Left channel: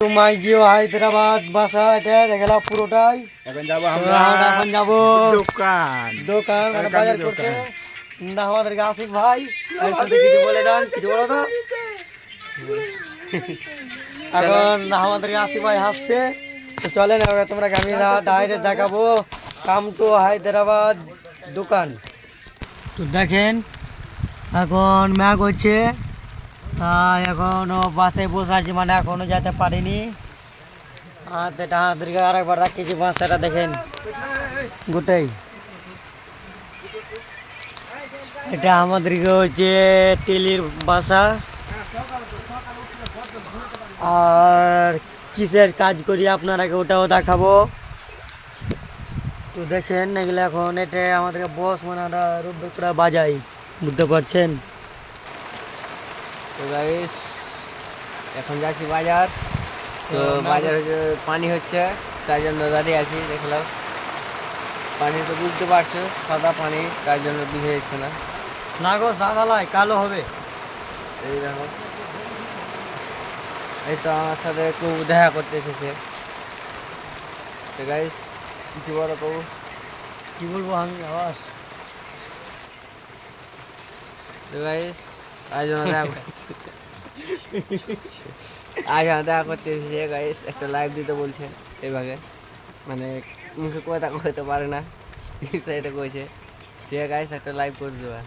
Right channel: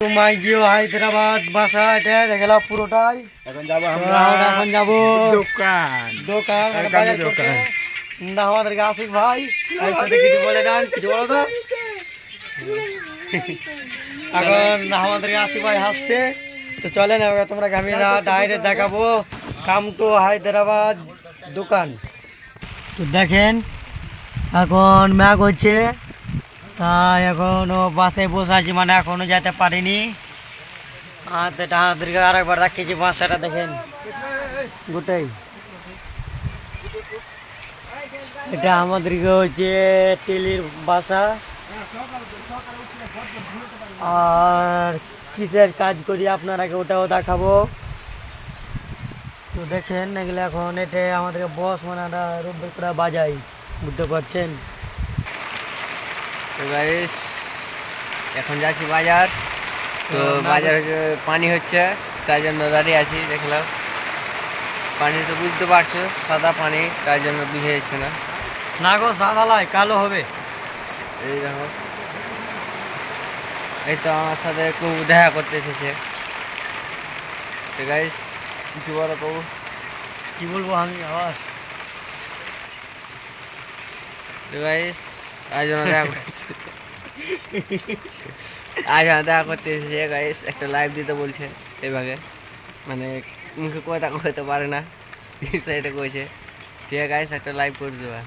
মাইজিও হায়দ্রাবাদ বাসা এটা দেখলা পুরোটাই। এখন যাব দোকান বাজার করতে। না আমাদেরকে আসিফ ভাই কিছু বলে দেন, কিছু বলো তো। এখন আমাদেরকে আসিফ ভাই হাসছে। তো চলেন এবার তোমরা আমি ডাইরেক্ট দেখাবো কাম টু হায়দ্রাবাদ দোকান। তো দেখেন এখন ম্যাগ হচ্ছে, তাই এখনো বাসে বসে আছি, মানে এখনো যেতে পারিনি। আমাদেরকে আরেকবার রাখিয়েছি বাসাটা দেখেন গোটাই। এটা আমাদেরকে হচ্ছে টেলির বাসা, আর কিসের কাজ করি আপনারাকে ওটাও দেখাবো। তো দেখেন এগুলো এখন এটা আমাদেরকে বস মানে রোবটরা বাজাই, বুঝতে পারছেন। তো গাইস এখন যাচ্ছি বাজার। তো বাজারে পানি হচ্ছে, তাই জন্য দাঁড়িয়ে আছি। দেখলাম পানি তো বুঝতে পারছো সাদা পানি, তাই জন্য বুঝে যাচ্ছে না। না গো সাদা লাই কালো হবে। এই দেখো, এই তো আমার সাথে একটু দেখা করতে এসেছে। তো গাইস কিছু বলো তো। কি বলবো আমি আবার। তো গাইস আজ দেখা দেখা করতে এসেছে গাইস, একটা লাইভ দিতে বলছে এইভাবে, মানে মুখে কথা কইতে পারে না, সেটা কইছে ঠিক আছে গাইস একটা লাইভ করে দেওয়া।